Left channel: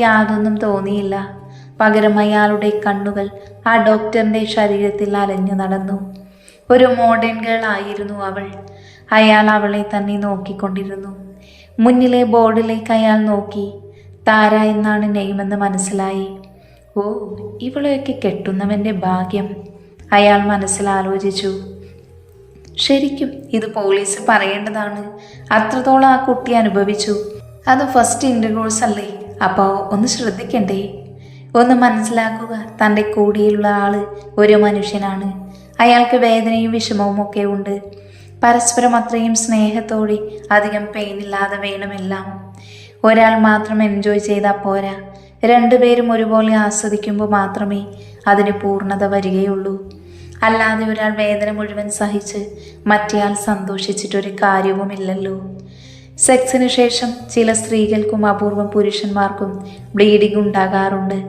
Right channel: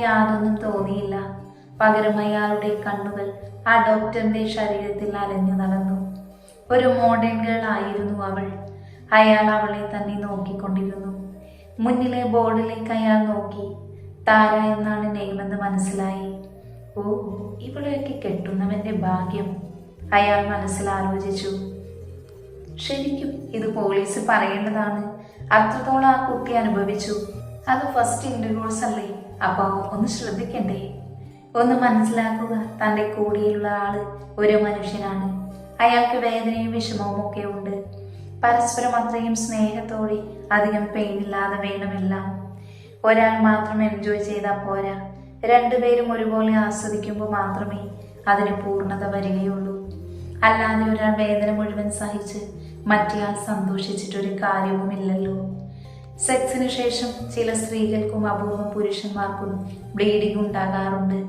യാതൊന്നും തോന്നിയില്ല. പകരം അയാളുടെ കണ്ണുകൾ ആ ഡോക്ടറിന്റെ ശരീരത്തിൽ അലഞ്ഞു നടന്നു. ഒരു മോഡേൺ ഗേൾ ആയിരുന്നു അവൾ. അയാൾ അവളെ തന്നെ നോക്കിക്കൊണ്ടിരുന്നു. മുന്നിലെ ബോർഡിലേക്ക് അയാൾ നോക്കി. താര എന്നാണ് നെയ്മെന്ന് മനസ്സിലായി. ഓ ഇവളെയൊക്കെ കെട്ടുന്നവന്റെ ഭാഗ്യം അയാൾ മനസ്സിൽ ആലോചിച്ചു. ശരിക്കും ഇത് പോലീസ് പറയേണ്ടതാണ്. അത്രത്തോളം ആ കുട്ടി അനുഭവിച്ചു. അത് ഫസ്റ്റ് ഇന്റർകോഴ്സ് അല്ലേ അപ്പോൾ ഒന്ന് ശ്രദ്ധിക്കണ്ടേ? ഒന്ന് മനസ്സിലാക്കുക തന്റെ കൂടിയുള്ള ആൾ ഒരു മനുഷ്യനാണ്. അയാൾക്ക് വേദനയും വിഷമവും ഒക്കെ ഉണ്ട്. പരസ്പരം അത്രയും സ്നേഹത്തോടെ അധികം പെയിനില്ലാതെ വേണമെല്ലാം. ഒരാൾ മാത്രം എൻജോയ് ചെയ്താൽ പോരാ. രണ്ടുപേരും ഒരുപോലെ ആസ്വദിക്കുമ്പോൾ മാത്രമേ അതിന് പൂർണത വരികയുള്ളൂ. അല്ലാതെ ഒരാൾ വേദന മുഴുവൻ സഹിച്ച് മറ്റേയാൾ സന്തോഷിച്ചിട്ടൊരു കാര്യവുമില്ലല്ലോ. സെക്സിന് ശേഷം ചില സ്ത്രീകൾക്കും അപൂർവം പുരുഷന്മാർക്കും ബ്ലീഡിംഗ് ഉണ്ടാകാറുണ്ട്.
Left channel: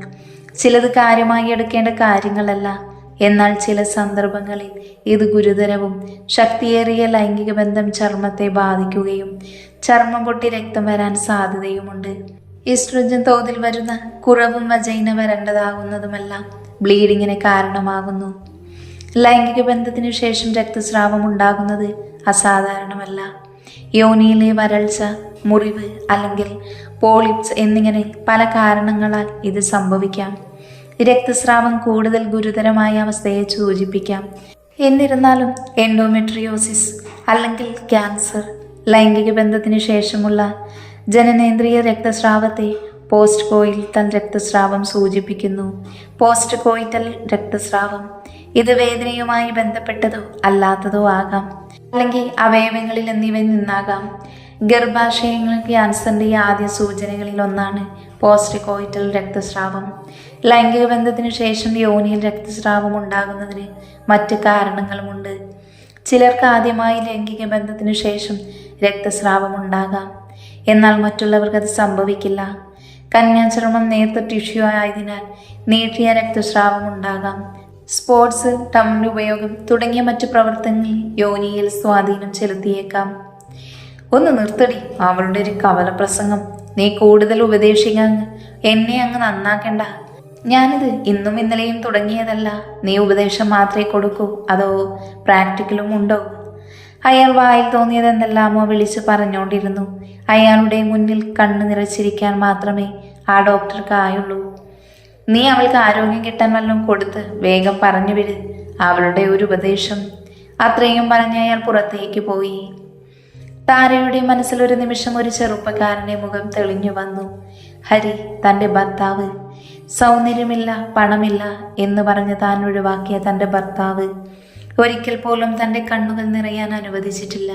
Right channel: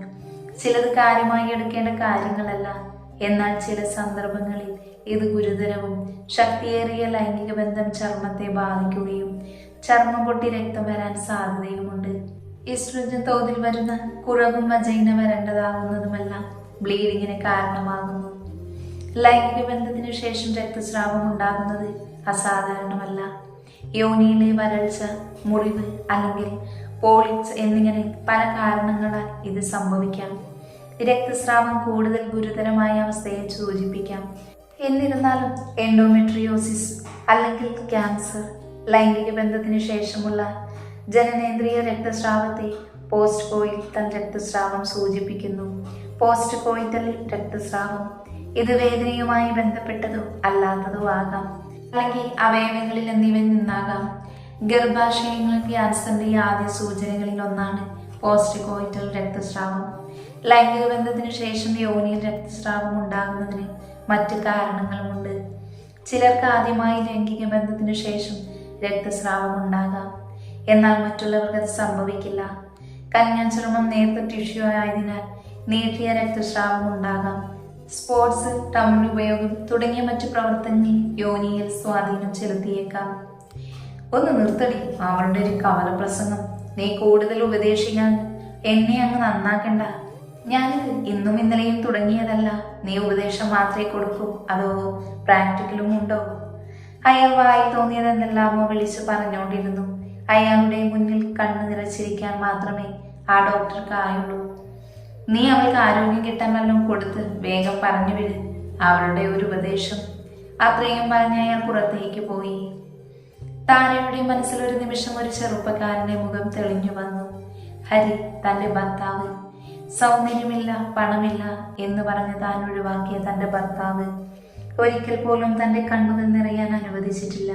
ചിലത് കാര്യമായി എടുക്കേണ്ട കാര്യങ്ങളല്ല. എന്നാൽ ചില സന്ദർഭങ്ങളിൽ ഇത് ഗുരുതരവും ശക്തിയേറിയ ലൈംഗിക ബന്ധം ചർമ്മത്തെ ബാധിക്കുകയും ചർമ്മം പൊട്ടി രക്തം വരാൻ സാധ്യതയുമുണ്ട്. ഈസ്ട്രജൻ തോതിൽ വരുന്ന കുറവും വജൈന വരേണ്ടതാകുന്നതുമെല്ലാം ബ്ലീഡിങ്ങിന് കാരണമാകുന്നു. ലൈംഗിക ബന്ധത്തിനു ശേഷം രക്തസ്രാവം ഉണ്ടാകുന്നത് അസാധാരണമല്ല. യോനിയിലെ വരൾച്ച മുറിവ് അല്ലെങ്കിൽ പോളിപ്സ് എന്നിങ്ങനെ പല കാരണങ്ങളാൽ ഇത് സംഭവിക്കാം. രക്തസ്രാവം കൂടുതൽ ഗുരുതരമായ അവസ്ഥയെ സൂചിപ്പിക്കാം. എന്നിരുന്നാലും എൻഡോമെട്രിയോസിസ് അല്ലെങ്കിൽ ക്യാൻസർ ലൈംഗിക ബന്ധത്തിന് ശേഷമുള്ള ജനനേന്ദ്രിയ രക്തസ്രാവത്തെ പോസ്റ്റ് കോയിൽ തൻ രക്തസ്രാവം സൂചിപ്പിക്കുന്നു. പോസ്റ്റ് കോയിറ്റൽ രക്തസ്രാവം ഇത് വേദനയുമായി ബന്ധപ്പെട്ടതോ അല്ലാത്തതോ ആകാം. അല്ലെങ്കിൽ അവയവങ്ങളിൽ എന്നിവയിൽ നിന്നാകാം. ഗർഭാശയങ്ങൾ ക്യാൻസറിന്റെ ആദ്യ സൂചനകളിൽ ഒന്നാണ് പോസ്റ്റ് കോയിറ്റൽ രക്തസ്രാവം. ലൈംഗിക ബന്ധത്തിന് ശേഷം യോനിയിൽ രക്തസ്രാവം ഉണ്ടാകുന്നതിന് മറ്റ് കാരണങ്ങളുമുണ്ട്. ചിലർക്ക് ആദ്യമായി ലൈംഗിക ബന്ധത്തിന് ശേഷം രക്തസ്രാവം ഉണ്ടാകാം. എന്നാൽ മറ്റുള്ളവർക്ക് അത് സംഭവിക്കില്ല. കന്യാചർമ്മം നേർത്ത ടിഷ്യൂ ആയതിനാൽ നീട്ടിയ രക്തസ്രാവം ഉണ്ടാകാം. സ്പോർട്സ് ടൗൺ ഉപയോഗം തുടങ്ങിയ മറ്റു പ്രവർത്തനങ്ങൾ യോനിയിൽ സ്വാധീനം ചെലുത്തിയേക്കാം. ഒന്ന് നിർത്തടി. അവളുടെ ഒരു കവല പ്രസംഗം നീ കൂടുതൽ ഉപദേശിക്കാൻ എന്നെ അങ്ങ് നന്നാക്കണ്ട. ഞാനിത് ഇന്നും ഇന്നലെയും തുടങ്ങിയതല്ല. നീ ഉപദേശം മാത്രമേ കൊടുക്കൂ. അതോ പ്രാക്ടിക്കലും ഉണ്ടോ? അയാൾ വായിൽ തോന്നിയതെന്നെല്ലാമോ വിളിച്ച് പറഞ്ഞുകൊണ്ടിരുന്നു. അയാളുടെ മുന്നിൽ കണ്ണു നിറച്ചിരിക്കാൻ മാത്രമേ ആ ഡോക്ടർക്ക് ആയുള്ളൂ. നീ അവൾക്ക് ആരോഗ്യം കിട്ടാൻ വല്ലതും കൊടുത്ത് വേഗം പറഞ്ഞു വിട് അവളുടെ ഒരു ഉപദേശം. അത്രയും പറഞ്ഞ് അയാൾ പുറത്തേക്ക് പോയി. താരയുടെ മനസ്സിൽ ഒരു നിമിഷം ഒരു ചെറുപ്പക്കാരന്റെ മുഖം തെളിഞ്ഞു വന്നു. ഹരി തന്റെ ഭർത്താവ്. സൗന്ദര്യമില്ല പണമില്ല എന്ന് പറഞ്ഞ് താൻ ഒഴിവാക്കിയ തന്റെ ഭർത്താവ്. ഒരിക്കൽ പോലും തന്റെ കണ്ണുകൾ നിറയാൻ അനുവദിച്ചിട്ടില്ല.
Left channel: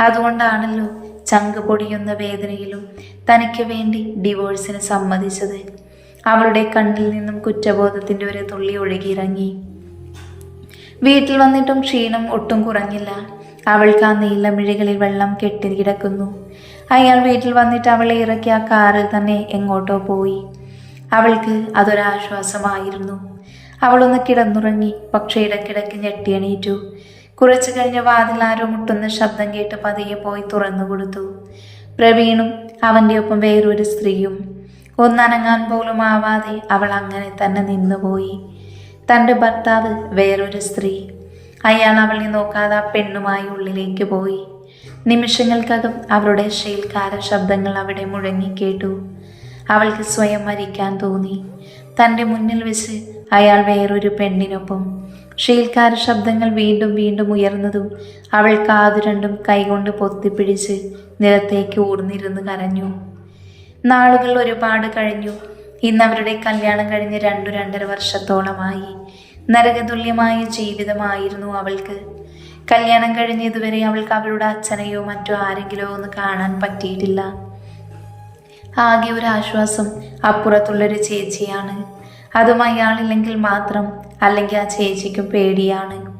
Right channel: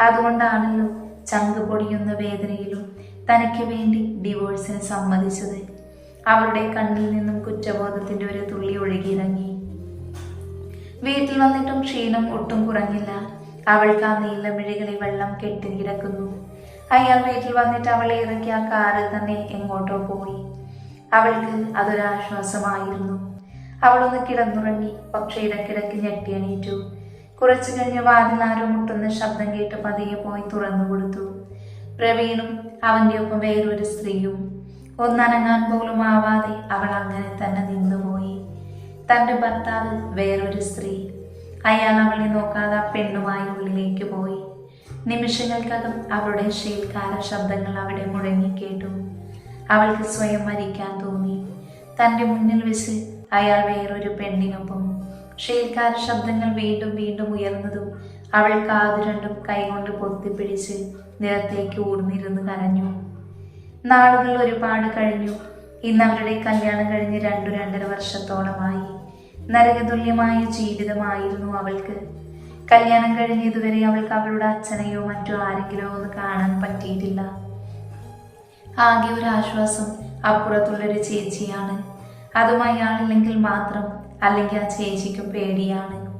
അതുകൊണ്ടാണല്ലോ ചങ്ക് പൊടിയുന്ന വേദനയിലും തനിക്ക് വേണ്ടി ഡിവോഴ്സിന് സമ്മതിച്ചത്. അവളുടെ കണ്ണിൽ നിന്നും കുറ്റബോധത്തിന്റെ ഒരു തുള്ളി ഒഴുകിയിറങ്ങി. വീട്ടിൽ വന്നിട്ടും ക്ഷീണം ഒട്ടും കുറഞ്ഞില്ല. അവൾക്ക് ആ നീലമിഴികളിൽ വെള്ളം കെട്ടിക്കിടക്കുന്നു അയാൾ വീട്ടിൽ വന്നിട്ട് അവളെ ഇറക്കി ആ കാറിൽ തന്നെ എങ്ങോട്ടോ പോയി. അവൾക്ക് അതൊരാശ്വാസമായിരുന്നു. അവളൊന്ന് കിടന്നുറങ്ങി പക്ഷേ ഇടയ്ക്കിടയ്ക്ക് ഞെട്ടിയണീറ്റു. കുറച്ചു കഴിഞ്ഞ് വാതിൽ ആരോ മുട്ടുന്ന ശബ്ദം കേട്ട് പതിയെ പോയി തുറന്നു കൊടുത്തു പ്രവീണും അവന്റെ ഒപ്പം വേറൊരു സ്ത്രീയും ഒന്നനങ്ങാൻ പോലും ആവാതെ അവൾ അങ്ങനെ തന്നെ നിന്നുപോയി തന്റെ ഭർത്താവ് വേറൊരു സ്ത്രീ. അയാൾ അവളെ നോക്കാതെ ആ പെണ്ണുമായി ഉള്ളിലേക്ക് പോയി. നിമിഷങ്ങൾക്കകം അവരുടെ ശീൽക്കാര ശബ്ദങ്ങൾ അവിടെ മുഴങ്ങിക്കേട്ടു അവൾക്ക് സ്വയം മരിക്കാൻ തോന്നി. തന്റെ മുന്നിൽ വെച്ച് അയാൾ വേറൊരു പെണ്ണിനൊപ്പം. ഷീൽക്കാര ശബ്ദങ്ങൾ വീണ്ടും വീണ്ടും ഉയർന്നതും അവൾ കാതു രണ്ടും കൈകൊണ്ട് പൊത്തിപ്പിടിച്ച് നിലത്തേക്ക് ഊർന്നിരുന്ന് കരഞ്ഞു. നാളുകൾ ഒരുപാട് കഴിഞ്ഞു. ഇന്ന് അവരുടെ കല്യാണം കഴിഞ്ഞ് രണ്ടു രണ്ടര വർഷത്തോളമായി. നരകതുല്യമായ ജീവിതമായിരുന്നു അവൾക്ക്. കല്യാണം കഴിഞ്ഞ് ഇതുവരെ അവൾക്ക് അവളുടെ അച്ഛനെയോ മറ്റോ ആരെങ്കിലോ ഒന്ന് കാണാൻ പറ്റിയിട്ടില്ല. ആകെ ഒരു ആശ്വാസം അപ്പുറത്തുള്ളൊരു ചേച്ചിയാണ്. അതും അയാളില്ലെങ്കിൽ മാത്രം അല്ലെങ്കിൽ ആ ചേച്ചിക്കും പേടിയാണ്.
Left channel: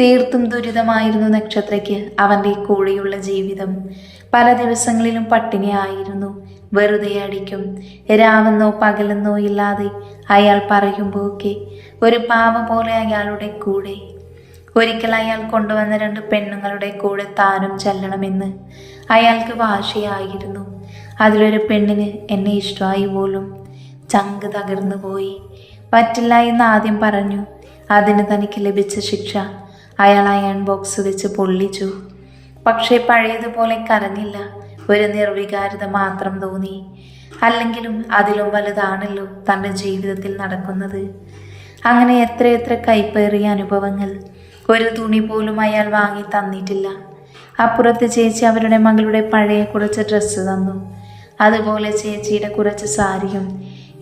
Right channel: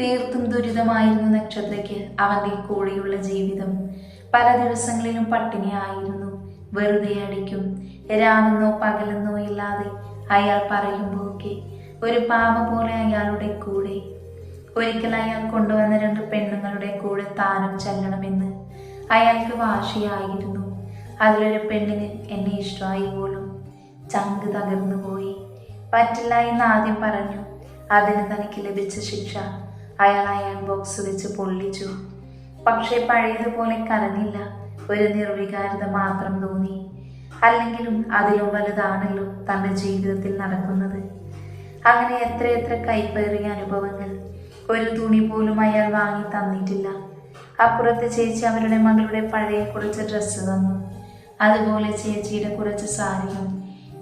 തീർത്തും ദുരിതമായിരുന്നു നക്ഷത്രയ്ക്ക് അവന്റെ കൂടെയുള്ള ജീവിതം. പല ദിവസങ്ങളിലും പട്ടിണിയായിരുന്നു വെറുതെ അടിക്കും. രാവെന്നോ പകലെന്നോ ഇല്ലാതെ അയാൾ പറയുമ്പോഴൊക്കെ ഒരു പാവ പോലെ അയാളുടെ കൂടെ. ഒരിക്കൽ അയാൾ കൊണ്ടുവന്ന രണ്ട് പെണ്ണുങ്ങളുടെ കൂടെ താനും ചെല്ലണമെന്ന് അയാൾക്ക് വാശിയായിരുന്നു. അതിലൊരു പെണ്ണിന് എന്നെ ഇഷ്ടമായി പോലും. ചങ്ക് തകർന്നു പോയി. പറ്റില്ല എന്ന് ആദ്യം പറഞ്ഞു. അതിന് തനിക്ക് ലഭിച്ച ശിക്ഷ അയാൾ അയൺ ബോക്സ് വെച്ച് പൊള്ളിച്ചു. പക്ഷേ പഴയതുപോലെ കരഞ്ഞില്ല. ഒരു നിർവികാരത മാത്രം തോന്നി. അല്ലെങ്കിലും അതിലും വലുതാണല്ലോ തന്റെ ജീവിതത്തിൽ നടക്കുന്നത്. അങ്ങനെ എത്രയെത്ര കൈപ്പേറിയ അനുഭവങ്ങൾ ഒരു തുണി പോലും അയാൾ വാങ്ങി തന്നിട്ടില്ല. അപ്പുറത്ത് ചേച്ചി അവരുടെ മകളുടെ പഴയ കുറച്ച് ഡ്രസ്സ് തന്നു. അതുപോലെ ചേച്ചിയുടെ കുറച്ച് സാരിയും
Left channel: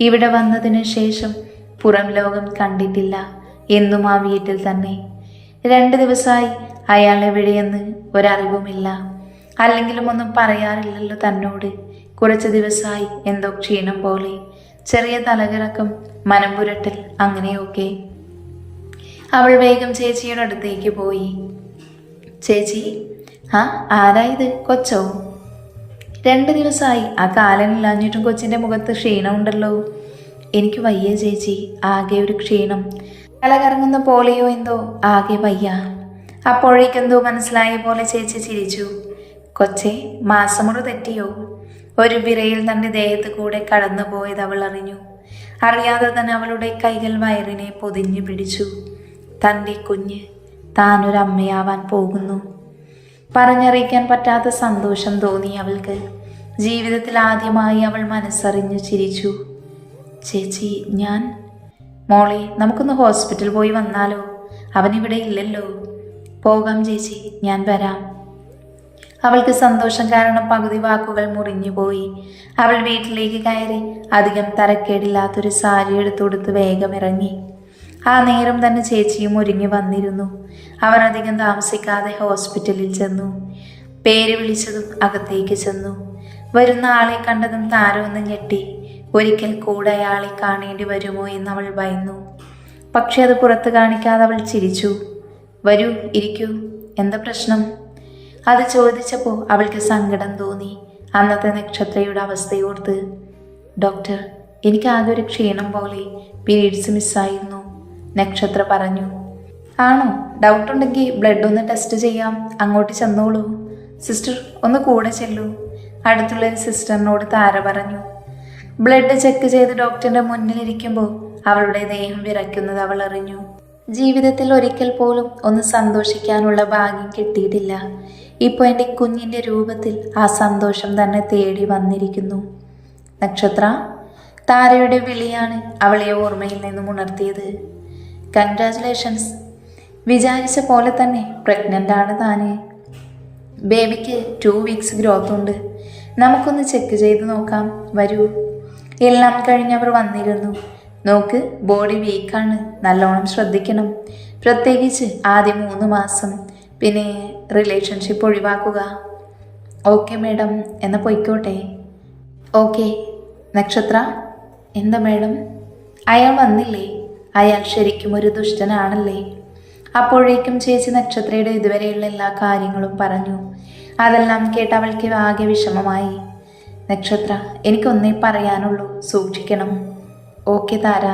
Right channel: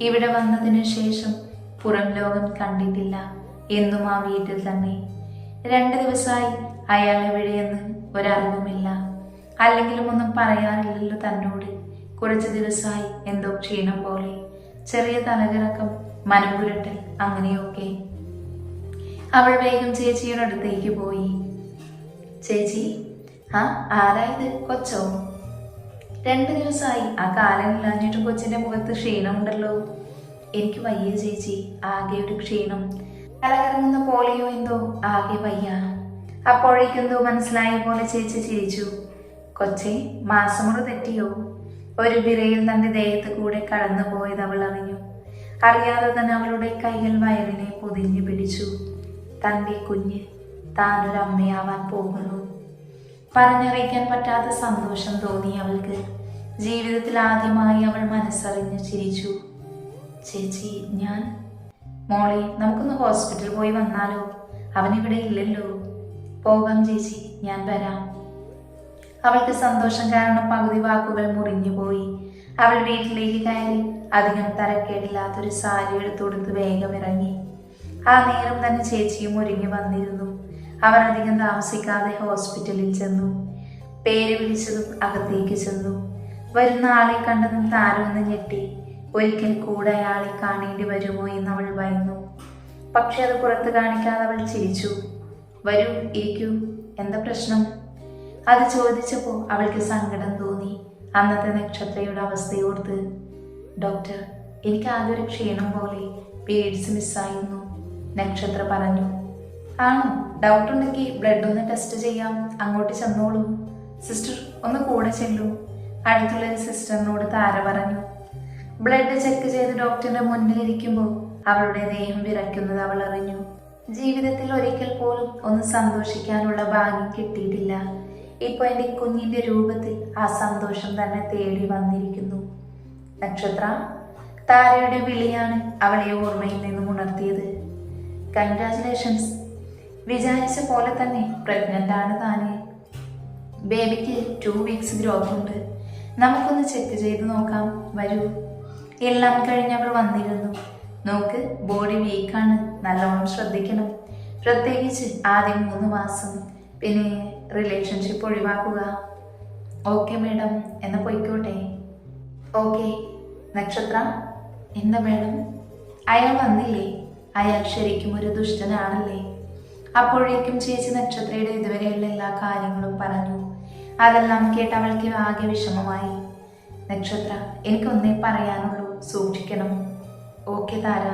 ഇവിടെ വന്നതിന് ശേഷം പുറം ലോകം കണ്ടിട്ടില്ല എന്നും ആ വീട്ടിൽ തന്നെ. രണ്ട് ദിവസമായി അയാൾ എവിടെയെന്ന് ഒരറിവുമില്ല. അല്ലെങ്കിലും ഒന്നും പറയാറില്ലല്ലോ തന്നോട്. കുറച്ച് ദിവസമായി എന്തോ ക്ഷീണം പോലെ. ചെറിയ തലകിറക്കം മനം പുരട്ടൽ അങ്ങനെയൊക്കെ. അവൾ വേഗം ചേച്ചിയുടെ അടുത്തേക്ക് പോയി. ചേച്ചി ആ ആരായത്? കൊച്ചോ? രണ്ട് ദിവസമായി. ആ കാലനില്ലാഞ്ഞിട്ടും കൊച്ചിന്റെ മുഖത്ത് ക്ഷീണമുണ്ടല്ലോ. എനിക്ക് വയ്യ ചേച്ചി. ആകെ ഒരു ക്ഷീണം. തലകറങ്ങുന്ന പോലെയോ എന്തോ. ആകെ വയ്യ. അപ്പോഴേക്കെന്തോ മനസ്സിലായ പോലെ ചേച്ചി ചിരിച്ചു. കൊച്ചെ മാസമുറ തെറ്റിയോ? ഒരു വിരയിൽ തന്റെ ദേഹത്ത് കൂടെ കടന്നു പോയത് അവൾ അറിഞ്ഞു. അറിയാതെ തന്നെ അവളുടെ കൈകൾ വയറിനെ പൊതിഞ്ഞു പിടിച്ചു. തന്റെ കുഞ്ഞ് താനൊരമ്മയാവാൻ പോകുന്നു. പറഞ്ഞറിയിക്കാൻ പറ്റാത്ത സന്തോഷം തോന്നി അവൾക്ക്. ജീവിതത്തിൽ ആദ്യമായി അവൾ മനസ്സറിഞ്ഞു ചിരിച്ചു. ചേച്ചി ഞാൻ? മോളെ നമുക്കൊന്ന് ഹോസ്പിറ്റൽ പോയി വന്നാലോ? അവനിവിടെ ഇല്ലല്ലോ. പോകാം ചേച്ചി. ഞാൻ വരാം. അവൾക്ക് സന്തോഷം കാരണം പകുതി വാക്കുകൾ മുറിഞ്ഞു പോയി. അവൾ വീട്ടിലേക്ക് കയറി അധികം തരക്കേടില്ലാത്തൊരു സാരി എടുത്തുകൊടുത്ത് വേഗം ഇറങ്ങി. ആ നേരം തന്നെ ചേച്ചിയും ഒരുങ്ങി വന്നിരുന്നു. അവർ അധികം താമസിക്കാതെ ഹോസ്പിറ്റലിൽ ചെന്നു. പേര് വിളിച്ചതും അകത്തേക്ക് ചെന്നു. വരുന്ന ആളെ കണ്ടതും താരമൊന്ന് ഞെട്ടി. ഒരിക്കൽ കൂടെ അയാളെ കാണേണ്ടി വരുമോ എന്ന് അവൾ ഭയന്നു. പക്ഷെ അത് പുറത്ത് കാണിക്കാതെ അവൾ ചിരിച്ചു. വരൂ ഇരിക്കൂ. എന്താ പ്രശ്നം? അത് ചോദിച്ചപ്പോൾ അവൾക്ക് സങ്കടം തോന്നി. അന്നത്തെ നക്ഷത്രയുടെ അവസ്ഥയോർത്ത് ഡോക്ടർ എനിക്ക് ആകെ ഒരു ക്ഷീണം പോലെ പീരീഡ്സ് മിസ്സായിരുന്നു നക്ഷത്ര പറഞ്ഞു. ആണോ? ഡൗട്ട് ഉണ്ടെങ്കിൽ ബ്ലഡ് ഒന്ന് ടെസ്റ്റ് ചെയ്യാം. അങ്ങോട്ട് ചെന്നോളൂ. സിസ്റ്റർ ഒന്ന് കൂടെ ചെല്ലൂ അടുത്തുള്ള ഒരു സിസ്റ്ററിനോട് താര പറഞ്ഞു. ബ്ലഡ് ചെക്ക് ചെയ്ത് ഡോക്ടറിന്റെ മുന്നിലിരിക്കുമ്പോൾ അവളുടെ ദേഹം വിറയ്ക്കുന്നത് അവൾ അറിഞ്ഞു. ജീവിതത്തിൽ ഒരിക്കൽ പോലും ഒന്ന് സന്തോഷിക്കാനുള്ള ഭാഗ്യം കിട്ടിയിട്ടില്ല. ഇപ്പോൾ എന്റെ കുഞ്ഞിന്റെ രൂപത്തിൽ ആ സന്തോഷം തന്നെ തേടി വന്നിരിക്കുന്നു. നക്ഷത്ര താരയുടെ വിളിയാണ് അവളെ ഓർമ്മയിൽ നിന്നും ഉണർത്തിയത്. കൺഗ്രാചുലേഷൻസ് വിചാരിച്ച പോലെ തന്നെ പ്രഗ്നന്റ് ആണ് താന്. ബേബിക്ക് ടു വീക്സ് ഗ്രോത്ത് ഉണ്ട്. നമുക്കൊന്ന് ചെക്ക് ചെയ്ത് നോക്കാം. വരൂ. എല്ലാം കഴിഞ്ഞ് അവർ വന്നിരുന്നു. നോക്ക് ബോഡി വീക്കാണ് നല്ലോണം ശ്രദ്ധിക്കണം. പ്രത്യേകിച്ച് ആദ്യം മൂന്ന് മാസം. പിന്നെ റിലേഷൻഷിപ്പ് ഒഴിവാക്കുക. ഓക്കെ മേഡം എന്ന് പൊയ്ക്കോട്ടെ. ഓക്കെ നക്ഷത്ര. എന്താ മേഡം അയാൾ വന്നില്ലേ? അയാൾ ശരിക്കും ഒരു ദുഷ്ടനാണല്ലേ? അപ്പോഴേക്കും ചേച്ചി നക്ഷത്രയുടെ ഇതുവരെയുള്ള എല്ലാ കാര്യങ്ങളും പറഞ്ഞു. അതെല്ലാം കേട്ട് അവൾക്ക് ആകെ വിഷമമായി. നക്ഷത്ര എനിക്കൊന്നേ പറയാനുള്ളൂ. സൂക്ഷിക്കണം. ഓക്കെ താര.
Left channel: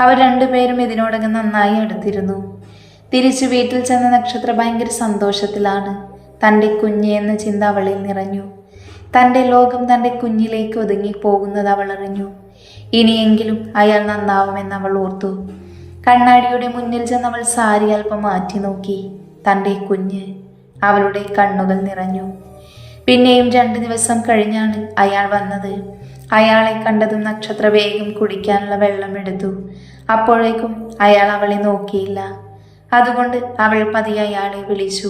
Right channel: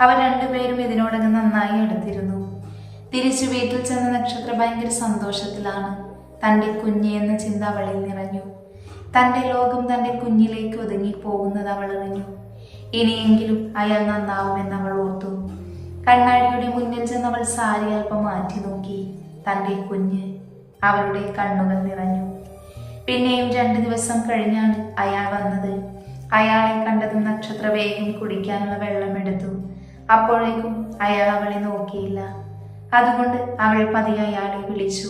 അവർ രണ്ടുപേരും ഇതിനോടകം നന്നായി അടുത്തിരുന്നു. തിരിച്ചു വീട്ടിൽ ചെന്ന നക്ഷത്ര ഭയങ്കര സന്തോഷത്തിലാണ്. തന്റെ കുഞ്ഞ് എന്ന ചിന്ത അവളിൽ നിറഞ്ഞു. തന്റെ ലോകം തന്റെ കുഞ്ഞിലേക്ക് ഒതുങ്ങി പോകുന്നത് അവൾ അറിഞ്ഞു. ഇനിയെങ്കിലും അയാൾ നന്നാവുമെന്ന് അവൾ ഓർത്തു. കണ്ണാടിയുടെ മുന്നിൽ ചെന്ന് അവൾ സാരി അല്പം മാറ്റി നോക്കി. തന്റെ കുഞ്ഞ് അവളുടെ കണ്ണുകൾ നിറഞ്ഞു. പിന്നെയും രണ്ട് ദിവസം കഴിഞ്ഞാണ് അയാൾ വന്നത്. അയാളെ കണ്ടതും നക്ഷത്ര വേഗം കുടിക്കാനുള്ള വെള്ളമെടുത്തു. അപ്പോഴേക്കും അയാൾ അവളെ നോക്കിയില്ല. അതുകൊണ്ട് അവൾ പതിയെ അയാളെ വിളിച്ചു.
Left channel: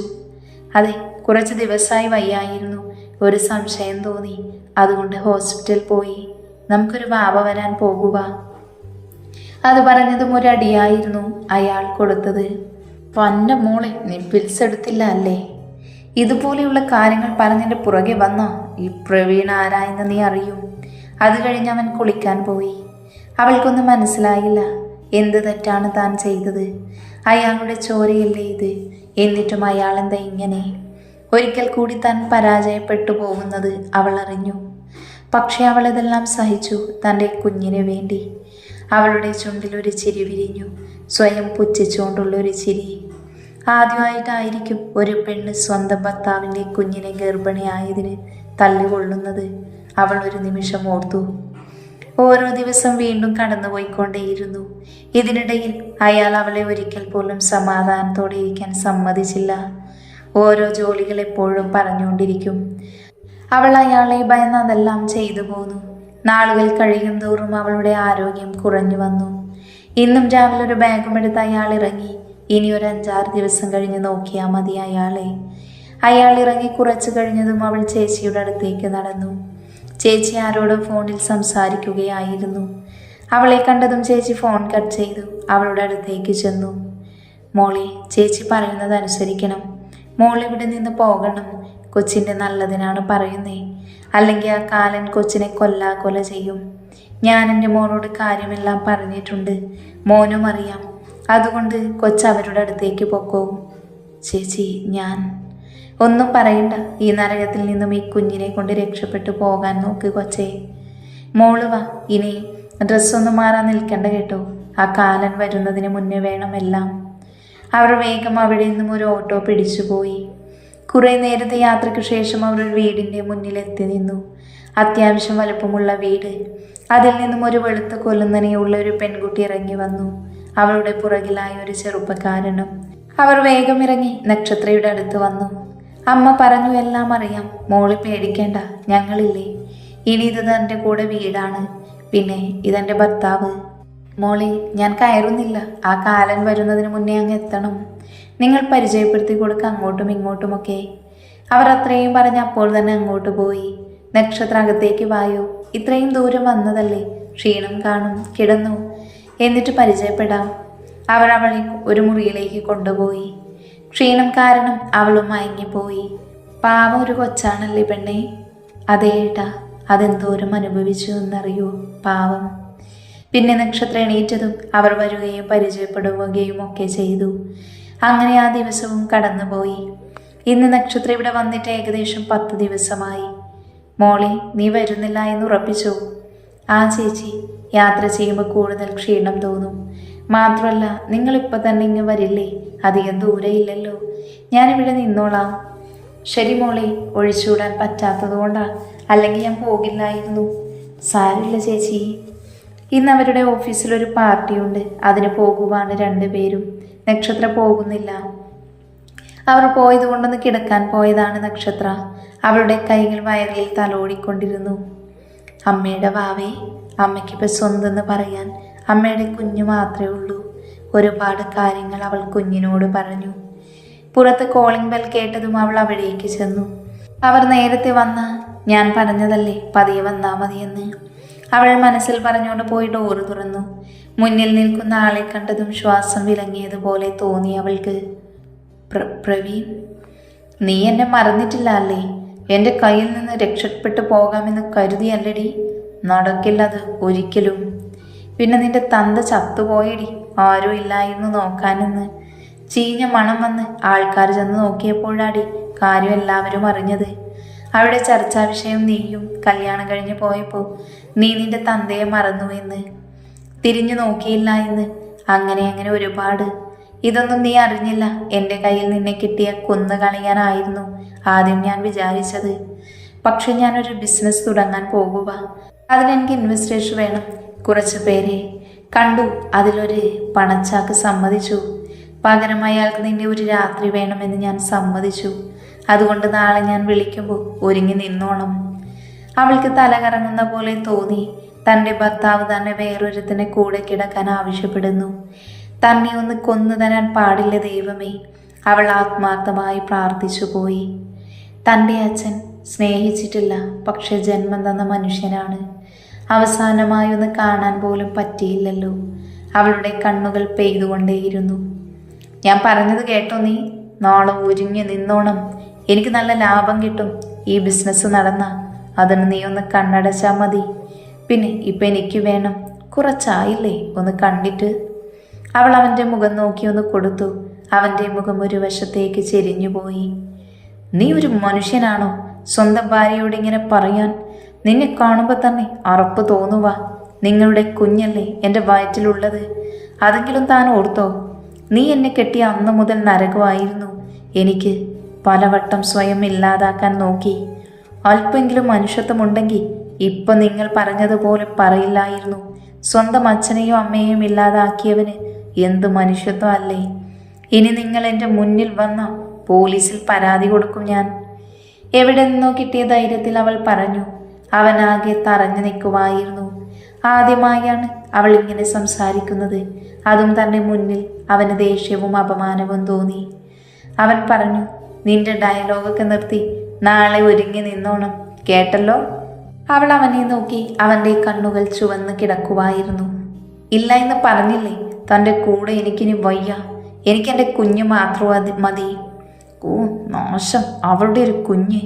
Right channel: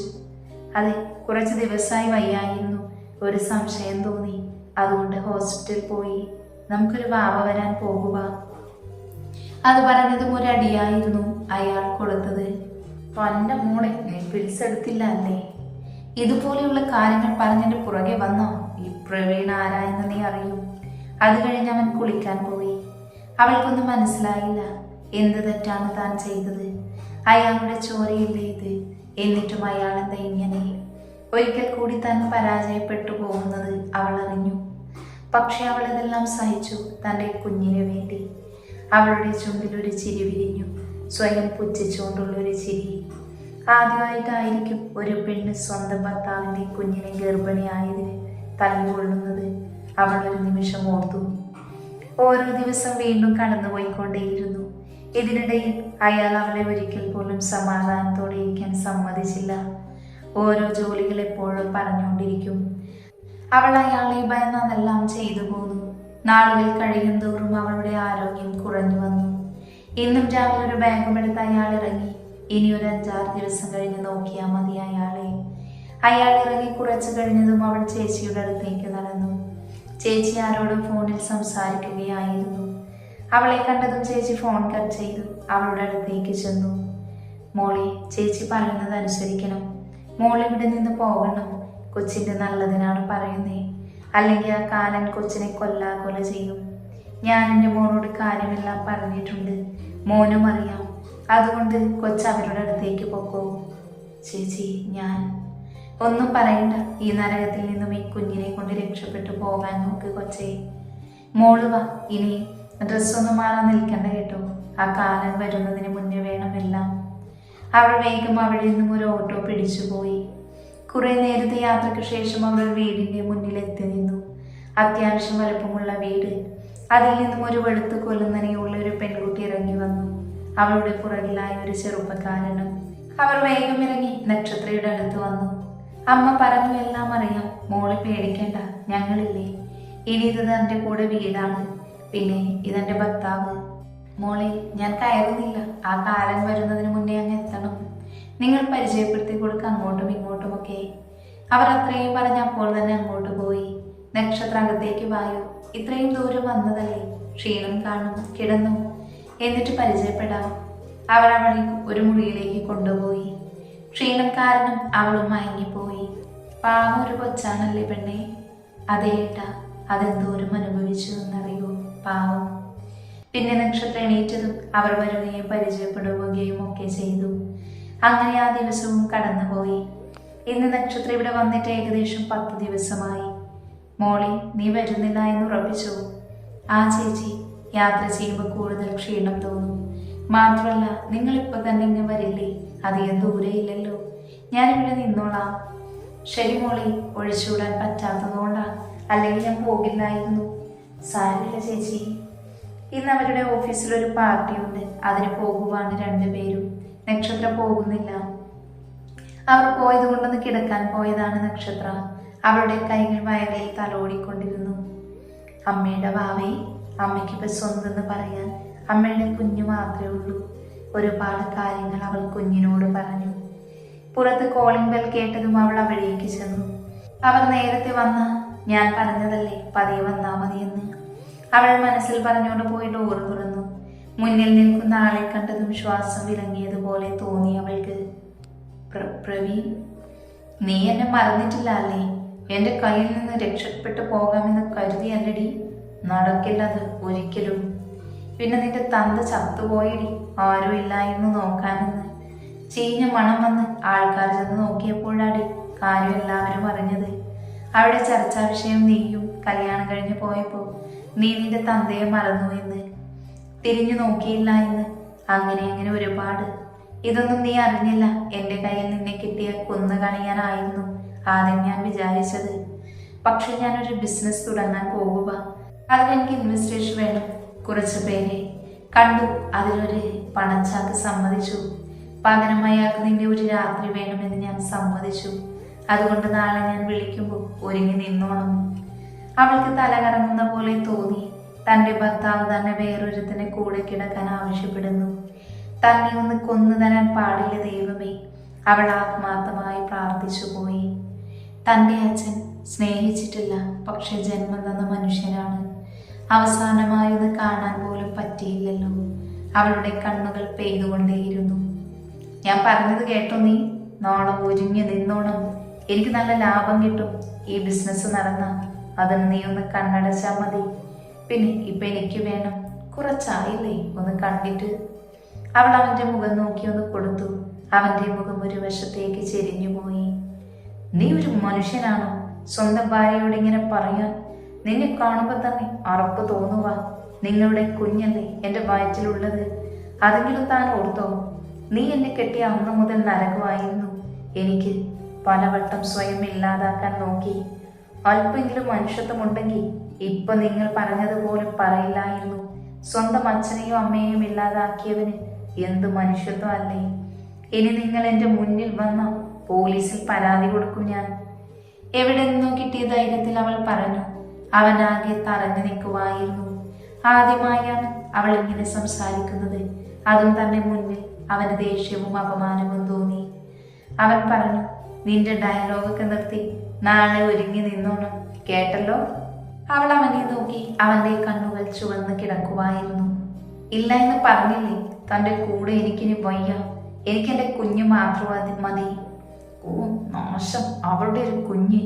അതെ കുറച്ച് ദിവസമായി വയ്യായിരുന്നു. ഒരു സംശയം തോന്നി. അതുകൊണ്ട് ഹോസ്പിറ്റൽ പോയി. നമുക്കൊരു വാവ വരാൻ പോകുക. അത് പറഞ്ഞതും ഒരടിയായിരുന്നു അയാൾ കൊടുത്തത്. പന്ന മോളെ നീ പിൽസ് എടുത്തില്ല അല്ലേ? ഇതുപോലെയുള്ള കാര്യങ്ങൾ പറഞ്ഞതിന്റെ പുറകെ വന്നോ? ഈ പ്രവീൺ ആരായെന്ന് നീ അറിയും. അത് കഴിഞ്ഞ് അവൻ കുളിക്കാൻ പോയി. അവൾക്കൊന്നും മനസ്സിലായില്ല എന്ത് തെറ്റാണ് താൻ ചെയ്തത്? അയാളുടെ ചോരയില്ലേ ഇത്? എന്നിട്ടും അയാൾ എന്താ ഇങ്ങനെ? ഒരിക്കൽ കൂടി താൻ പരാജയപ്പെട്ടു പോകുന്നത് അവൾ അറിഞ്ഞു. പക്ഷേ അവൾ ഇതെല്ലാം സഹിച്ചു തന്റെ കുഞ്ഞിന് വേണ്ടി. അവളുടെ ചുണ്ടിലൊരു ചിരി വിരിഞ്ഞു. സ്വയം പുച്ഛിച്ചുകൊണ്ടുള്ളൊരു ചിരി. ആദ്യമായിട്ടായിരിക്കും ഒരു പെണ്ണ് സ്വന്തം ഭർത്താവിന്റെ കുഞ്ഞിനെ ഗർഭിണിയായതിന് തള്ളികൊള്ളുന്നത് അവൾ ഒരു നിമിഷം ഓർത്തു. ഓരോ ദിവസം വീണ്ടും കടന്നുപോയിക്കൊണ്ടേയിരുന്നു. ഇതിനിടയിൽ അയാൾ അവളെ ഒരിക്കൽ പോലും സമാധാനത്തോടെ ഇരിക്കാൻ സമ്മതിച്ചില്ല. ഓരോ ജോലികൾ എപ്പോഴും പറഞ്ഞുകൊണ്ടിരിക്കും. അവൾ അയാളെ ഭയന്ന് അതെല്ലാം ചെയ്തു പോന്നു. നാളുകൾ കഴിയും തോറും അവളുടെ ആരോഗ്യം കുറഞ്ഞു വന്നു. ഇന്നും രാവിലെ ഒരു ബാഗും എടുത്ത് അയാൾ ഇറങ്ങി. ഇനി ഒരു അഞ്ചാറ് ദിവസം കഴിഞ്ഞ് നോക്കിയാൽ മതി അയാളെ. അയാൾ ഇറങ്ങി കുറച്ചു കഴിഞ്ഞതും അവൾ ചേച്ചിയുടെ അടുത്തേക്ക് നടന്നു. ചേച്ചി ആരോടും ഫോണിൽ സംസാരിക്കുകയായിരുന്നു. അവളെ കണ്ടതും ചേച്ചി ഫോൺ കട്ട് ചെയ്തു. അവളുടെ അടുത്തേക്ക് ചെന്നു. മോളെ ചേച്ചി പറയുന്നത് അനുസരിക്കണം. മോൾ ഇവിടെ നിന്ന് പോകണം. കൊച്ചിന്റെ നല്ലതിനാണ് പറയുന്നേ. അല്ലെങ്കിൽ ആ കാലൻ കൊച്ചിനെ കൊല്ലാ കൊല ചെയ്യും. ഞാൻ എന്റെ മോനോട് കാര്യമെല്ലാം പറഞ്ഞിട്ടുണ്ട്. മോനും അറിയാം. അതുകൊണ്ട് കൊച്ചവരുടെ അടുത്തേക്ക് പൊക്കോ. ചേച്ചി ഞാൻ ഒന്നും പറയണ്ട. ഈ നരകത്തിൽ നിന്നും ഈ കുഞ്ഞിനെ കൊണ്ട് രക്ഷപ്പെട്ടു പോകാൻ നോക്ക് കൊച്ചേ. മോൾ വാ ഇനി ഡ്രസ്സൊന്നും മാറാൻ നിൽക്കണ്ട കേട്ടോ. ആ കാലൻ വരുന്നതിന് മുന്നേ വേണമെല്ലാം അവർ വേഗം അവിടെ നിന്നും ഒരു ഓട്ടോ പിടിച്ചുപോയി കുറേ നേരത്തെ യാത്രയ്ക്ക് ശേഷം അവർ ഒരു വീടിന്റെ മുന്നിലെത്തി നിന്നു. അത്യാവശ്യം വലുപ്പമുള്ള വീട്. അതിൽ നിന്നും ഒരു വെളുത്ത കൊല്ലുന്നനെയുള്ള ഒരു പെൺകുട്ടി ഇറങ്ങി വന്നു. അവളുടെ പുറകിലായ ഒരു ചെറുപ്പക്കാരനും. അവർ വേഗം ഇറങ്ങി നക്ഷത്രയുടെ അടുത്ത് വന്നു. അമ്മ പറഞ്ഞു എല്ലാം അറിയാം. മോളി പേടിക്കേണ്ട ഞങ്ങളില്ലേ. ഇനി ഇത് തന്റെ കൂടെ വീടാണ്. പിന്നെ ഇതെന്റെ ഭർത്താവ്. മോളി ഞാൻ കയറുന്നില്ല. ആ കാലൻ വരുന്നതിന് മുന്നേ അങ്ങ് എത്തണം. നിങ്ങൾ പരിചയപ്പെടുത്തി കൊടുക്കുക അങ്ങോട്ടും ഇങ്ങോട്ടുമൊക്കെ. അവർ അത്രയും പറഞ്ഞ് അപ്പോൾ തന്നെ അങ്ങോട്ട് പോയി. നക്ഷത്ര അകത്തേക്ക് വായു. ഇത്രയും ദൂരം വന്നതല്ലേ. ക്ഷീണം കാണും കിടന്നു. എന്നിട്ട് പരിചയപ്പെടാം. അവർ അവളെ ഒരു മുറിയിലേക്ക് കൊണ്ടുപോയി. ക്ഷീണം കാരണം അവളും മയങ്ങിപ്പോയി. പാവം ഒരു കൊച്ചാണല്ലേ പെണ്ണേ. അതേട്ടാ അതെന്തോരം അനുഭവിച്ചു എന്നറിയൂ പാവം. പിന്നെ നക്ഷത്രം എണീറ്റതും അവർ വരികയും പരിചയപ്പെടുകയും ഒക്കെ ചെയ്തു. അങ്ങനെ ആ ദിവസവും കടന്നുപോയി. ഇന്ന് നക്ഷത്രം ഇവിടെ വന്നിട്ട് ഏകദേശം പത്ത് ദിവസമായി. മോളെ നീ വരുന്നില്ല എന്ന് ഉറപ്പിച്ചു? ആ ചേച്ചി യാത്ര ചെയ്യുമ്പോൾ കൂടുതൽ ക്ഷീണം തോന്നും. മാത്രമല്ല നിങ്ങളിപ്പോൾ തന്നെ ഇങ്ങ് വരില്ലേ? അധികം ദൂരെയില്ലല്ലോ. ഞാനിവിടെ നിന്നോളാം. ശരി മോളെ ഒഴിച്ചുവിടാൻ പറ്റാത്തതുകൊണ്ടാണ് അല്ലെങ്കിൽ ഞാൻ പോകില്ലായിരുന്നു. സാരമില്ല ചേച്ചി. ഇന്ന് അവരുടെ ഓഫീസിലൊരു പാർട്ടിയുണ്ട്. അതിന് പോകുവാണ് രണ്ടുപേരും. നക്ഷത്ര പോകുന്നില്ല. അവർ പോയത് കൊണ്ടൊന്ന് കിടക്കാൻ പോയതാണ് നക്ഷത്ര. അവളുടെ കൈകൾ വയറിൽ തലോടിക്കൊണ്ടിരുന്നു. അമ്മയുടെ വാവേ അമ്മയ്ക്കിപ്പോൾ സ്വന്തം എന്ന് പറയാൻ അമ്മയുടെ കുഞ്ഞു മാത്രമേ ഉള്ളൂ. ഒരുപാട് കാര്യങ്ങൾ അവൾ കുഞ്ഞിനോട് പറഞ്ഞു. പുറത്ത് കോളിംഗ് ബെൽ കേട്ടതും അവൾ അവിടേക്ക് ചെന്നു. അവർ നേരത്തെ വന്ന ഞാൻ പറഞ്ഞതല്ലേ പതിയെ വന്നാ മതിയെന്ന്? അവൾ മനസ്സിൽ പറഞ്ഞുകൊണ്ട് പോയി ഡോറ് തുറന്നു. മുന്നിൽ നിൽക്കുന്ന ആളെ കണ്ടതും ശ്വാസം വിലങ്ങിയതുപോലെ തോന്നി അവൾക്ക്. പ്ര- പ്രവീൺ നീ എന്നെ മറന്നിട്ടില്ല അല്ലേ? എന്റെ കയ്യിൽ നിന്ന് രക്ഷപ്പെട്ടു പോകാമെന്ന് കരുതിയല്ലടി. നടക്കില്ലത് ഒരിക്കലും. പിന്നെ നിന്റെ തന്ത ചത്തുപോയടി. ആരും ഇല്ലായിരുന്നു നോക്കാനെന്ന്. ചീഞ്ഞ മണം വന്ന് ആൾക്കാർ ചെന്ന് നോക്കിയപ്പോഴാടി കാര്യം എല്ലാവരും അറിഞ്ഞത്. അവിടെ ചർച്ചാ വിഷയം നീയും കല്യാണം കഴിഞ്ഞ് പോയപ്പോൾ നീ നിന്റെ തന്തയെ മറന്നുവെന്ന് തിരിഞ്ഞു നോക്കിയില്ല എന്ന്. അങ്ങനെ അങ്ങനെ ഒരുപാട്. ഇതൊന്നും നീ അറിഞ്ഞില്ല. എന്റെ കയ്യിൽ നിന്നെ കിട്ടിയ കൊന്നു കളയാനായിരുന്നു ആദ്യം ഞാൻ വിചാരിച്ചത്. പക്ഷെ ഞാനൊരു ബിസിനസ് തുടങ്ങാൻ പോകുക അതിനെനിക്ക് ഇൻവെസ്റ്റേഷൻ വേണം. കുറച്ച് പേരെ കണ്ടു. അതിലൊരു പണച്ചാക്ക് സമ്മതിച്ചു. പകരം അയാൾക്ക് നിന്റെ ഒരു രാത്രി വേണമെന്ന് ഞാൻ സമ്മതിച്ചു. അതുകൊണ്ട് നാളെ ഞാൻ വിളിക്കുമ്പോൾ ഒരുങ്ങി നിന്നോണം. അവൾക്ക് തല കറങ്ങുന്ന പോലെ തോന്നി. തന്റെ ഭർത്താവ് തന്നെ വേറൊരുത്തിനെ കൂടെ കിടക്കാൻ ആവശ്യപ്പെടുന്നു. തന്നെ ഒന്ന് കൊന്നു തരാൻ പാടില്ല ദൈവമേ. അവൾ ആത്മാർത്ഥമായി പ്രാർത്ഥിച്ചു പോയി. തന്റെ അച്ഛൻ സ്നേഹിച്ചിട്ടില്ല പക്ഷെ ജന്മം തന്ന മനുഷ്യനാണ്. അവസാനമായി ഒന്ന് കാണാൻ പോലും പറ്റിയില്ലല്ലോ. അവളുടെ കണ്ണുകൾ പെയ്തുകൊണ്ടേയിരുന്നു. ഞാൻ പറഞ്ഞത് കേട്ടോ നീ. നാളെ ഒരുങ്ങി നിന്നോണം. എനിക്ക് നല്ല ലാഭം കിട്ടും. ഈ ബിസിനസ് നടന്ന. അതിന് നീ ഒന്ന് കണ്ണടച്ചാൽ മതി. പിന്നെ ഇപ്പം എനിക്ക് വേണം. കുറച്ചായില്ലേ? ഒന്ന് കണ്ടിട്ട്. അവൾ അവന്റെ മുഖം നോക്കി ഒന്ന് കൊടുത്തു. അവന്റെ മുഖം ഒരു വശത്തേക്ക് ചെരിഞ്ഞുപോയി. നീ ഒരു മനുഷ്യനാണോ? സ്വന്തം ഭാര്യയോട് ഇങ്ങനെ പറയാൻ നിന്നെ കാണുമ്പോൾ തന്നെ അറപ്പ് തോന്നുക നിങ്ങളുടെ കുഞ്ഞല്ലേ എന്റെ വയറ്റിലുള്ളത്. അതെങ്കിലും താൻ ഓർത്തോ. നീ എന്നെ കെട്ടിയ അന്ന് മുതൽ നരകമായിരുന്നു. എനിക്ക് പലവട്ടം സ്വയം ഇല്ലാതാക്കാൻ നോക്കി. അല്പെങ്കിലും മനുഷ്യത്വമുണ്ടെങ്കിൽ ഇപ്പൊ നിങ്ങൾ പറഞ്ഞതുപോലെ പറയില്ലായിരുന്നു. സ്വന്തം അച്ഛനെയും അമ്മയെയും ഇല്ലാതാക്കിയവന് എന്ത് മനുഷ്യത്വം അല്ലേ? ഇനി നിങ്ങൾ എന്റെ മുന്നിൽ വന്ന പോലീസിൽ പരാതി കൊടുക്കും ഞാൻ. എവിടെ നിന്നോ കിട്ടിയ ധൈര്യത്തിൽ അവൾ പറഞ്ഞു. അവനാകെ തറഞ്ഞു നിൽക്കുമായിരുന്നു. ആദ്യമായാണ് അവൾ ഇങ്ങനെ സംസാരിക്കുന്നത്. അതും തന്നെ മുന്നിൽ അവന് ദേഷ്യവും അപമാനവും തോന്നി. അവൻ പറഞ്ഞു നിന്റെ ഡയലോഗൊക്കെ നിർത്തി നാളെ ഒരുങ്ങി നിന്നോണം. കേട്ടല്ലോ? അവൾ അവനെ നോക്കി അവന്റെ കണ്ണുകൾ ചുവന്ന് കിടക്കുവായിരുന്നു ഇല്ല എന്ന് പറഞ്ഞില്ലേ? തന്റെ കൂടെ എനിക്കിനി വയ്യ. എനിക്കെന്റെ കുഞ്ഞ് മാത്രം മതി. ഓ നാശം. അവളുടെ ഒരു കുഞ്ഞ്.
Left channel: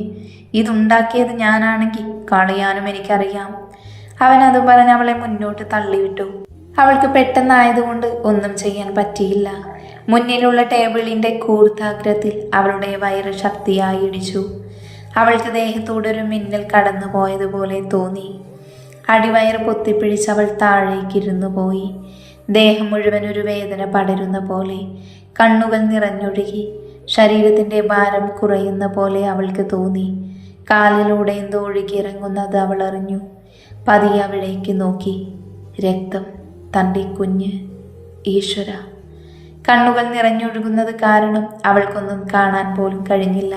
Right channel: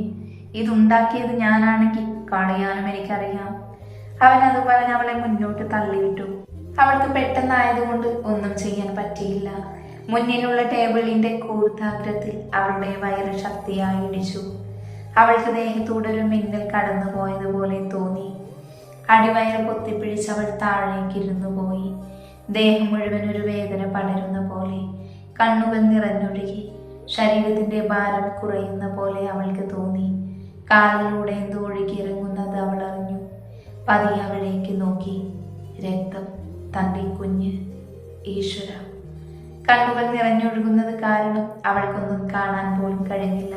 ഇതുണ്ടാക്കിയത് ഞാനാണെങ്കിൽ കളയാനും എനിക്കറിയാം. അവൻ അത് പറഞ്ഞ് അവളെ മുന്നോട്ട് തള്ളിവിട്ടു. അവൾക്ക് പെട്ടെന്നായതുകൊണ്ട് ഒന്നും ചെയ്യാൻ പറ്റിയില്ല. മുന്നിലുള്ള ടേബിളിന്റെ കൂർത്താഗ്രത്തിൽ അവളുടെ വയറ് ശക്തിയായി ഇടിച്ചു. അവൾക്ക് ദേഹത്തോടൊരു മിന്നൽ കടന്നു പോയതുപോലെ തോന്നി. അടിവയറ് പൊത്തിപ്പിടിച്ച് അവൾ താഴേക്കിരുന്നു പോയി. ദേഹം മുഴുവൻ ഒരു വേദന പടരുന്ന പോലെ കണ്ണുകൾ നിറഞ്ഞൊഴുകി. ശരീരത്തിന്റെ ഭാരം കുറയുന്ന പോലെ അവൾക്ക് തോന്നി. കാലിലൂടെ എന്തോ ഒഴുകിയിറങ്ങുന്നത് അവൾ അറിഞ്ഞു. പതിയെ അവളേക്ക് നോക്കി. രക്തം. തന്റെ കുഞ്ഞ്. ഈശ്വര. കണ്ണുകൾ നിറഞ്ഞൊഴുകുന്നത് കാരണം അവൾക്കൊന്നും കാണാൻ പോലും കഴിഞ്ഞില്ല.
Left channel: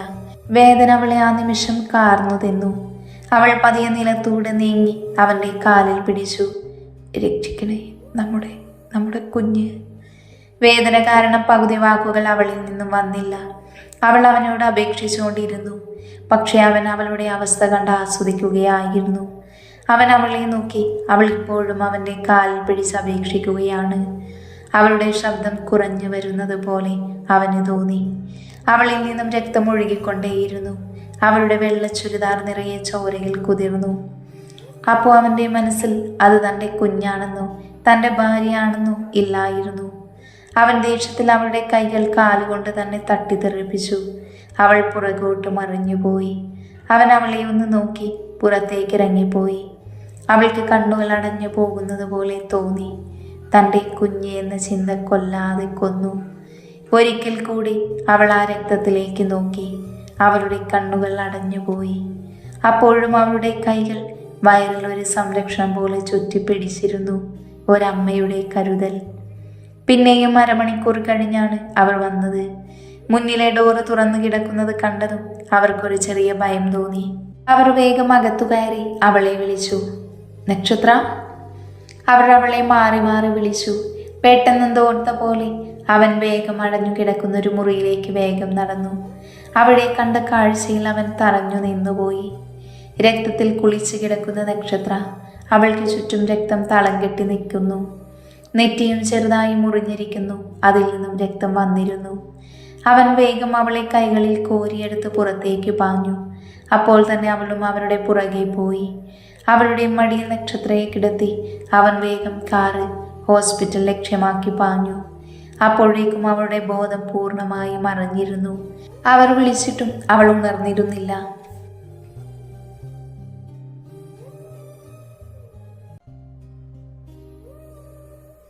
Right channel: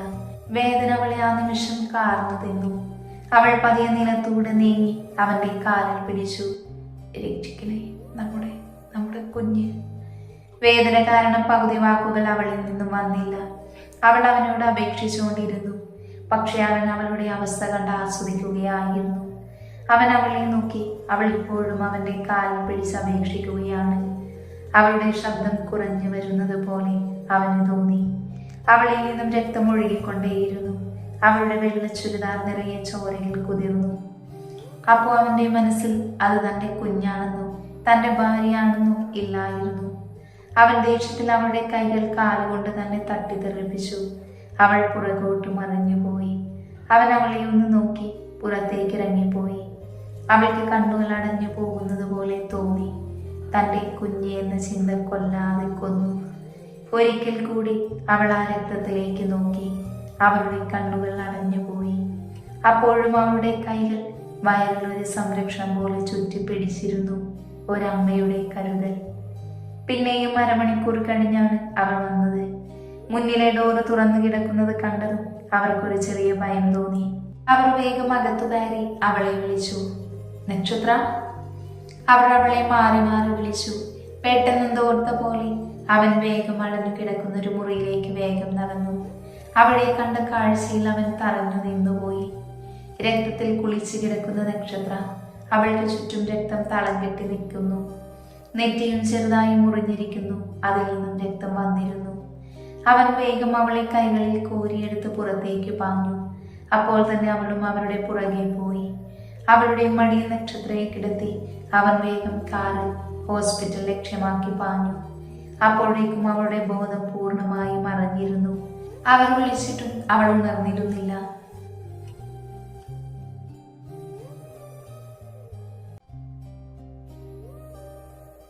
വേദന അവളെ ആ നിമിഷം കാർന്നു തിന്നു. അവൾ പതിയെ നിലത്തൂടെ നീങ്ങി അവന്റെ കാലിൽ പിടിച്ചു. രക്ഷിക്കണേ നമ്മുടെ നമ്മുടെ കുഞ്ഞ്. വേദന കാരണം പകുതി വാക്കുകൾ അവളിൽ നിന്നും വന്നില്ല. അവൾ അവനോട് അപേക്ഷിച്ചുകൊണ്ടിരുന്നു. പക്ഷേ അവൻ അവളുടെ അവസ്ഥ കണ്ട് ആസ്വദിക്കുകയായിരുന്നു. അവൻ അവളെ നോക്കി. അവൾ ഇപ്പോഴും അവന്റെ കാലിൽ പിടിച്ച് അപേക്ഷിക്കുകയാണ്. അവളുടെ ശബ്ദം കുറഞ്ഞു വരുന്നത് പോലെ അവന് തോന്നി. അവളിൽ നിന്നും രക്തം ഒഴുകിക്കൊണ്ടേയിരുന്നു. അവളുടെ വെള്ള ചുരിദാർ നിറയെ ചോരയിൽ കുതിർന്നു. അപ്പോൾ അവന്റെ മനസ്സിൽ അത് തന്റെ കുഞ്ഞാണെന്നോ തന്റെ ഭാര്യയാണെന്നോ ഇല്ലായിരുന്നു. അവൻ ദേഷ്യത്തിൽ അവളുടെ കൈകൾ കാലുകൊണ്ട് തന്നെ തട്ടിത്തെറിപ്പിച്ചു. അവൾ പുറകോട്ട് മറിഞ്ഞുപോയി. അവൻ അവളെ ഒന്ന് നോക്കി പുറത്തേക്ക് ഇറങ്ങിപ്പോയി അവൾക്ക് കണ്ണുകൾ അടഞ്ഞു പോകുന്നത് പോലെ തോന്നി. തന്റെ കുഞ്ഞ് എന്ന ചിന്ത കൊല്ലാതെ കൊന്നു. ഒരിക്കൽ കൂടി അവൾ ആ രക്തത്തിലേക്ക് നോക്കി. അവളുടെ കണ്ണുകൾ അടഞ്ഞുപോയി. അപ്പോഴും അവളുടെ കൈകൾ വയറിൽ ഒരു സംരക്ഷണം പോലെ ചുറ്റിപ്പിടിച്ചിരുന്നു. ഒരമ്മയുടെ കരുതൽ. പിന്നെയും അരമണിക്കൂർ കഴിഞ്ഞാണ് അവർ വന്നത്. മുന്നിലെ ഡോറ് തുറന്നു കിടക്കുന്നത് കണ്ടതും അവർക്കൊരു ചെറിയ ഭയം തോന്നി. അവർ വേഗം അകത്തു കയറി അവളെ വിളിച്ചു. നക്ഷത്ര? അവർ അവളെ മാറി മാറി വിളിച്ചു. പെട്ടെന്ന് തോർത്ത പോലെ. അവൻ വേഗം അടഞ്ഞു കിടക്കുന്ന ഒരു മുറിയിലേക്ക് വേഗം നടന്നു. അവളെ കണ്ട കാഴ്ചയിൽ അവൻ തറഞ്ഞു നിന്നുപോയി. രക്തത്തിൽ കുളിച്ചു കിടക്കുന്ന നക്ഷത്ര അവൾക്ക് ചുറ്റും രക്തം തളം കെട്ടി നിൽക്കുന്നു. നെറ്റിയും ചെറുതായി മുറിഞ്ഞിരിക്കുന്നു. അതിൽ നിന്നും രക്തം വന്നിരുന്നു. അവൻ വേഗം അവളെ കൈകളിൽ കോരിയെടുത്ത് പുറത്തേക്ക് പാഞ്ഞു. അപ്പോൾ തന്നെ അവളും അവരുടെ പുറകെ പോയി. അവളുടെ മടിയിൽ നക്ഷത്രയെ കിടത്തി അവൻ വേഗം കാറ് ഹോസ്പിറ്റൽ ലക്ഷ്യമാക്കി പാഞ്ഞു. അപ്പോഴേക്കും അവളുടെ ബോധം പൂർണമായി മറഞ്ഞിരുന്നു അവർ വിളിച്ചിട്ടും അവൾ ഉണർന്നിരുന്നില്ല.